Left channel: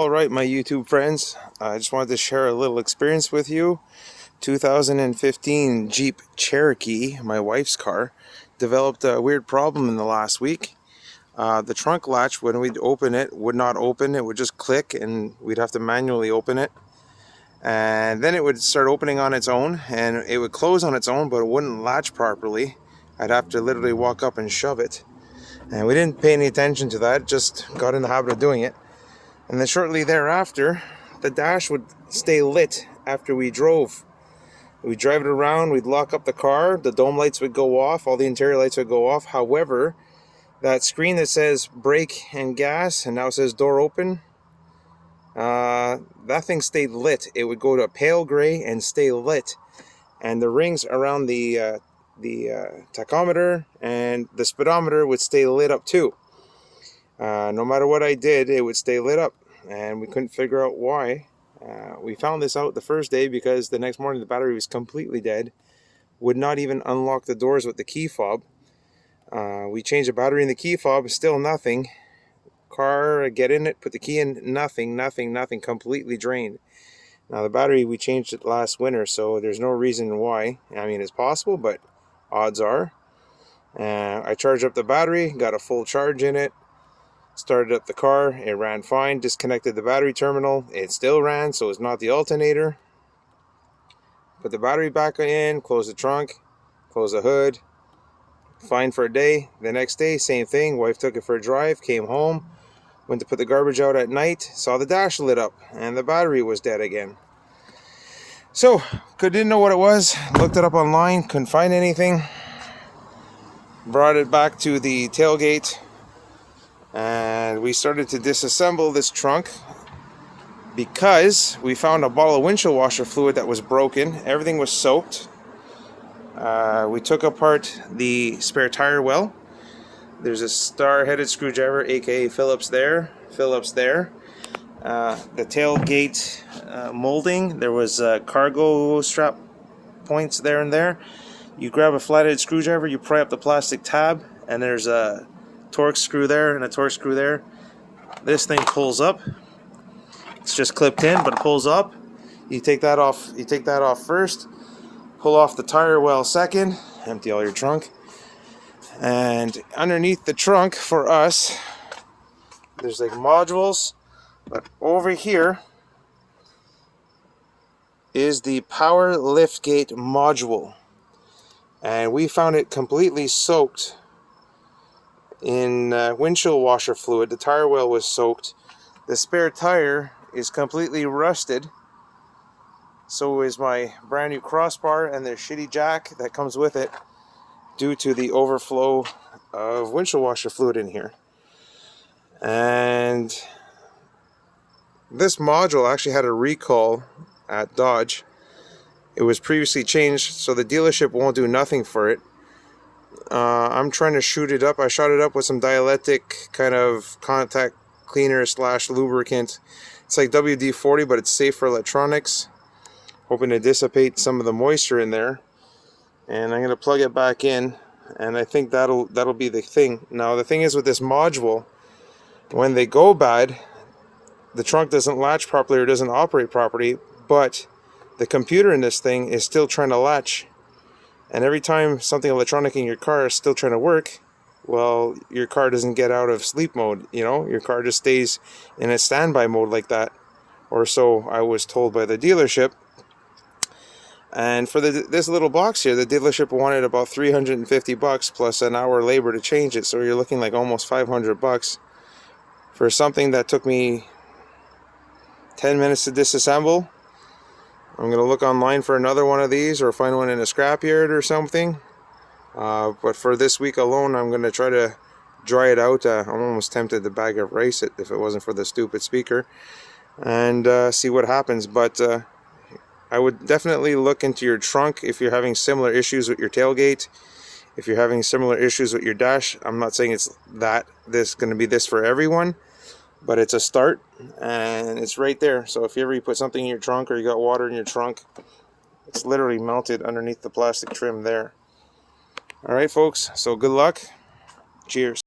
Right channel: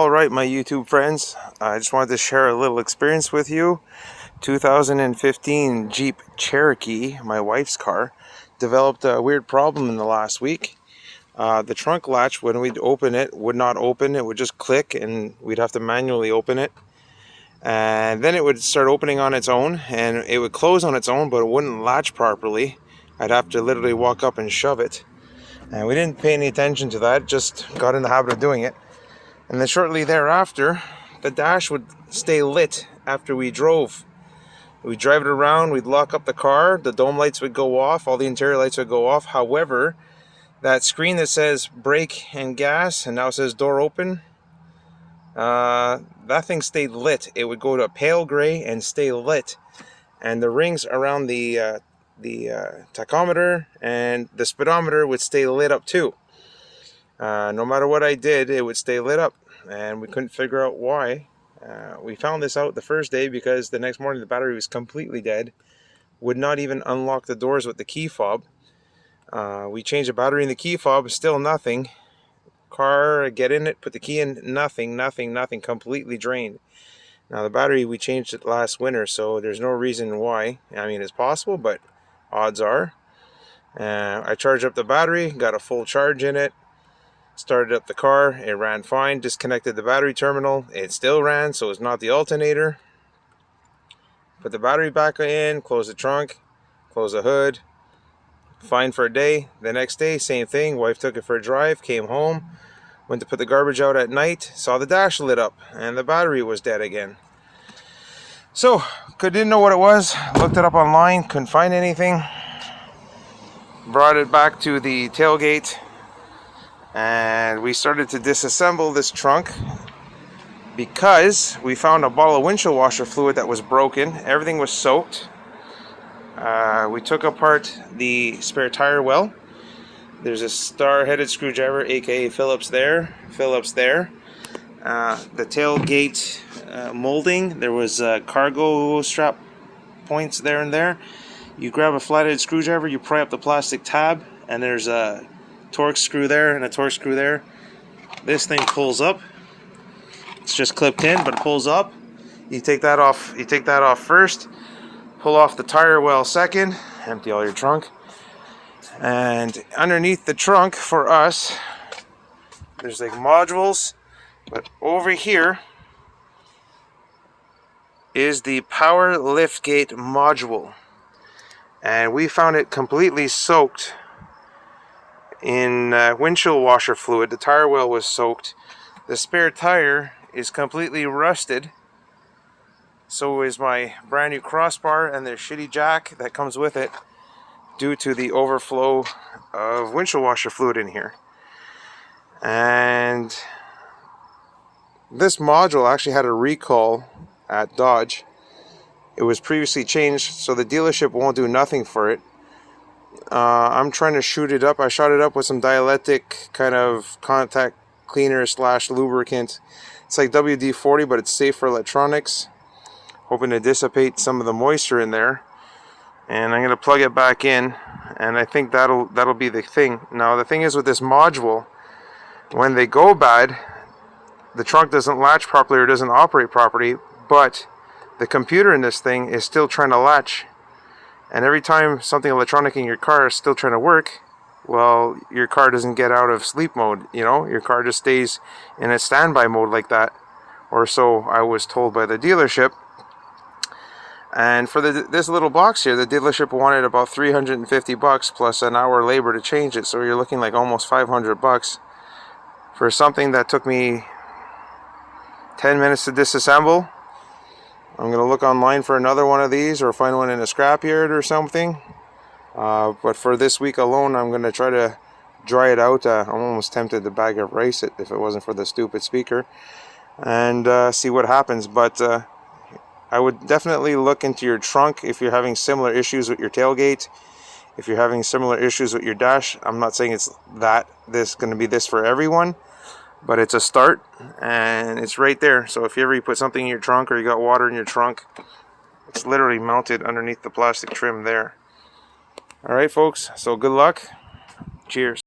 Alright, my YouTube friends, I just wanted to share a little experience with you. 2015 Jeep Cherokee, my wife's car, developed a weird problem in the last week. The trunk latch, when we'd open it, would not open. It would just click and we'd have to manually open it. And then it would start opening on its own, and it would close on its own, but it wouldn't latch properly. I'd have to literally walk up and shove it. And we didn't pay any attention to that, just got in the habit of doing it. And then shortly thereafter, the dash would stay lit after we drove. We'd drive it around, we'd lock up the car, the dome lights would go off, all the interior lights would go off. However, that screen that says brake and gas, and now it says door open, that thing stayed lit. It would go to pale gray and stay lit. And the rings around the tachometer and the speedometer would stay lit up too. No matter what I did, it would stay lit up, and we couldn't figure out why. We found this out the first day because the next morning the battery was completely dead. Would not even unlock the doors with the key fob. We changed the battery in the key fob, still nothing. Car, get in it, put the key in, nothing, completely drained. Now the battery, we changed it last winter, so there's no reason why. I mean, it's possible, but odds are. I charged up the battery, got a full charge in it. Started up the car, it ran fine. Disconnected the battery terminal, it still ran, so it's not the alternator. Put the battery back in, close the trunk, close the hood. Fine for a day. The next day, same thing. Wife took it for a drive, came home, went to put the garbage out at night, saw the dash lit up, and the battery was dead again. So, didn't know what it was, looked it up online, couldn't find anything. Brought it back to the tailgate, and we started to disassemble this trunk because we found a bottle of windshield washer fluid that was broken. Everything was soaked. We took apart the spare tire well. There's a star-headed screwdriver, aka Phillips there. The tailgate molding, there was cargo strap points there and there. You grab a flathead screwdriver, you pry up the plastic tab, and there's a Torx screw there and a Torx screw there. This thing pulls up. It's just clipped in, but it pulls up. You take that off. You take that off first. Pull off the tire well second. Empty all your trunk. And underneath the trunk for us, there's like modules, but over here is the power liftgate module, and we found it completely soaked in windshield washer fluid. The tire well was soaked. The spare tire is completely rusted. So is my brand new crossbar and the shitty jack that comes with it, due to the overflow of windshield washer fluid in here. And this module actually had a recall at Dodge. It was previously changed, so the dealership won't do nothing for it. I'm trying to shoot it up. I shot it up with some dielectric kind of contact cleaner / lubricant. It's like WD-40, but it's safe for electronics. Hoping to dissipate some of the moisture in there. And I'm going to plug it back in, and I think that'll be the thing. Now the thing is with this module, when they go bad, the trunk doesn't latch properly or doesn't operate properly, but the computer in this thing is still trying to latch. And every time something electronic in your car is still trying to work, well, your car doesn't get out of sleep mode, you know? Your car just stays in a standby mode like that. Or so I was told by the dealership. And for this little box here, the dealership wanted about $350 plus an hour labor to change it. So you're looking like almost $500 for something that took me 10 minutes to disassemble. I'm going to look online for another one of these or find one in a scrapyard or something. But for this week alone, I'm going to try to dry it out. I'm almost tempted to bag of rice it if it wasn't for the stupid speaker. And see what happens. But I would definitely look into your trunk if you're having similar issues with your tailgate. If you're having similar issues with your dash. I'm not saying it's going to be this for everyone, but it's a start, and it's right there. So if you ever put something in your trunk or you got water in your trunk, it's literally mounted underneath the plastic trim there. Alright folks, so good luck. Cheers.